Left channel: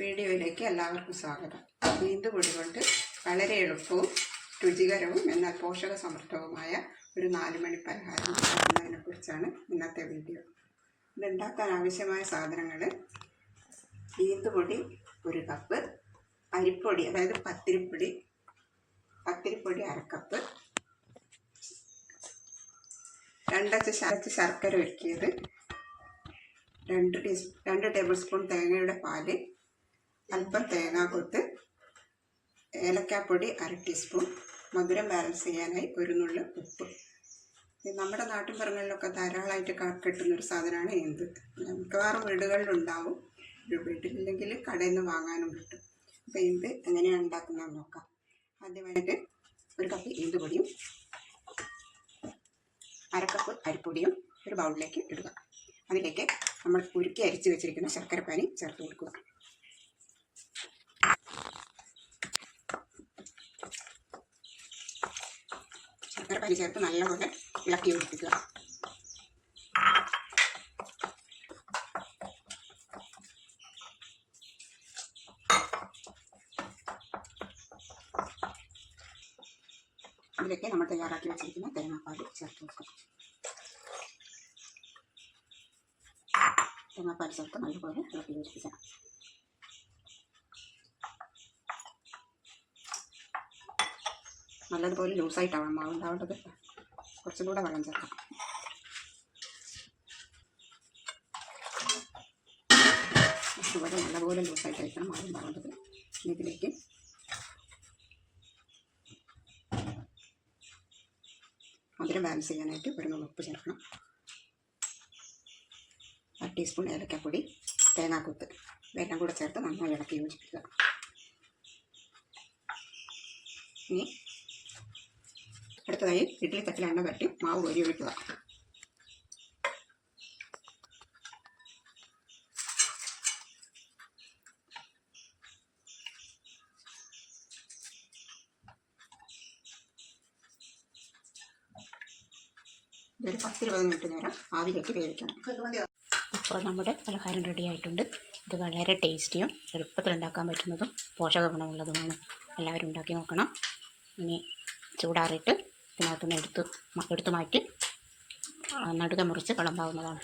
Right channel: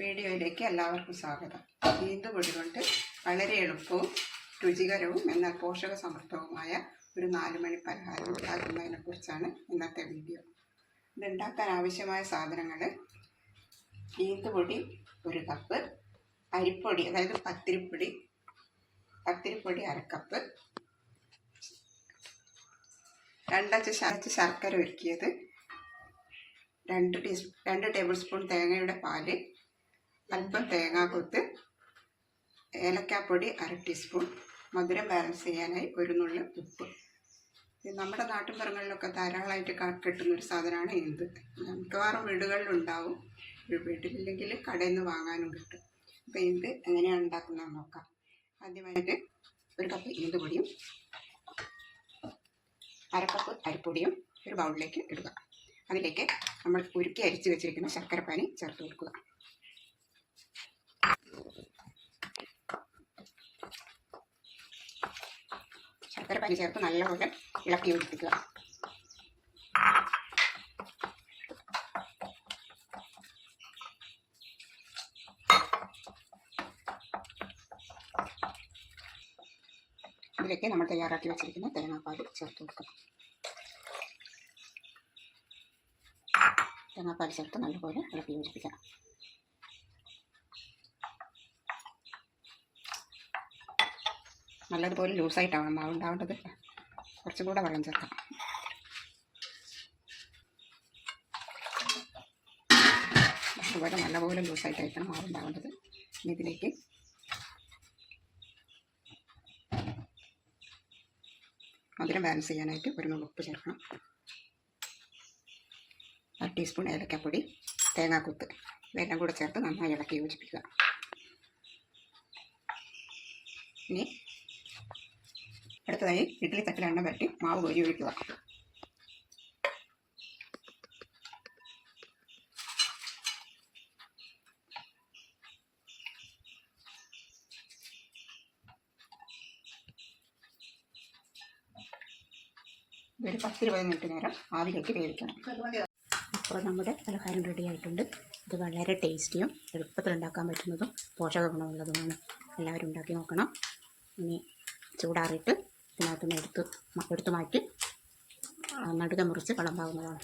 വീഡിയോയിലേക്ക് എല്ലാവർക്കും സ്വാഗതം. ഈന്തുപൊടി കൊണ്ട് വളരെ എളുപ്പവും രുചികരവും എന്നാൽ പോഷക സമൃദ്ധവുമായ ഒരു 4 മണി പലഹാരം ഉണ്ടാക്കുന്നതിനെ കുറിച്ചാണ് ഇന്നത്തെ വീഡിയോ. ഇതുണ്ടാക്കാൻ ആവശ്യമായ സാധനങ്ങൾ: ഈന്തുപൊടി 1 കപ്പ്, അരിപ്പൊടി അതായത് പത്തിരിപ്പൊടി 1 കപ്പ്, 2 ശർക്കര ഉരുക്കിയത്, 2 ടേബിൾ സ്പൂൺ തേങ്ങയുടെ പാല്, അല്പം തേങ്ങാക്കൊത്ത്, ഏലക്കാപ്പൊടി 1/2 ടീസ്പൂൺ, മധുരം ബാലൻസ് ചെയ്യാനായി 1 നുള്ള് ഉപ്പ്. നമ്മുടെ നാട്ടിൻപുറങ്ങളിലൊക്കെ ധാരാളമായിട്ട് കിട്ടുന്നൊരു സാധനമാണ് ഈന്ത്. മിക്കവാറും വീടുകളിലുണ്ടാവും, വീട്ടിലില്ലെങ്കിൽ കടയിൽ നിന്ന് വാങ്ങാനും കിട്ടും. അപ്പോൾ ഈന്ത് എങ്ങനെയാണ് ഉണ്ടാക്കുന്നതെന്ന് നോക്കാം. ആദ്യമായിട്ട് 1 കപ്പ് ഈന്തുപൊടിയും 1/2 കപ്പ് അരിപ്പൊടിയും ഒരു ബൗളിലേക്ക് ഇടുക. അതിലേക്ക് നമ്മൾ ഉരുക്കി അരിച്ച് വെച്ചിരിക്കുന്ന ശർക്കരപ്പാനി ചേർത്ത് കൊടുക്കുക. ശർക്കരപ്പാനി ചേർത്ത് നല്ലപോലെ ഇളക്കി യോജിപ്പിക്കുക. ഇതിലേക്ക് നമ്മൾ തയ്യാറാക്കി വെച്ചിരിക്കുന്ന തേങ്ങാപ്പാൽ ചേർത്ത് കൊടുക്കുക. തേങ്ങാപ്പാൽ ചേർത്ത് നല്ലപോലെ ഇളക്കി യോജിപ്പിക്കണം. നല്ലതുപോലെ ലൂസായിട്ടാവണം മാവ് ഉണ്ടാവേണ്ടത്. കുറച്ചും കൂടെ വെള്ളം ചേർക്കണം. അതുപോലെ നല്ലപോലെ ലൂസായിട്ടായിരിക്കണം മാവ് ഉണ്ടാവേണ്ടത്. ഇതിലേക്ക് മധുരം ബാലൻസ് ചെയ്യാനായിട്ട് 1 നുള്ള് ഉപ്പ് ചേർക്കണം. 1/2 ടീസ്പൂൺ ഏലക്കാപ്പൊടി, തേങ്ങാക്കൊത്ത് ഇതെല്ലാം കൂടെ ചേർത്ത് നന്നായി ഇളക്കി യോജിപ്പിക്കുക. ഇനി അടുത്തതായി ഇഡ്ഡലി തട്ടിൽ എണ്ണ പറ്റി മാവ് കോരി ഒഴിക്കുക. ഒരു 10-20 മിനിറ്റ് നേരം ആവിയിലേക്ക് വേവിക്കണം. ഇപ്പോൾ നമ്മുടെ പലഹാരം റെഡി ആയിട്ടുണ്ട്. ഇത് വളരെ ടേസ്റ്റിയും എളുപ്പത്തിൽ ഉണ്ടാക്കാൻ പറ്റുന്നതും പോഷക ഗുണമുള്ളതുമാണ്. എല്ലാവരും ഉണ്ടാക്കി നോക്കണം. ഇനി ചൂടാറിയിട്ട് ഇതിനകത്തുനിന്ന് എടുത്തു മാറ്റി നടുക മുറിച്ച് കളമ്പാവുന്നതാണ്.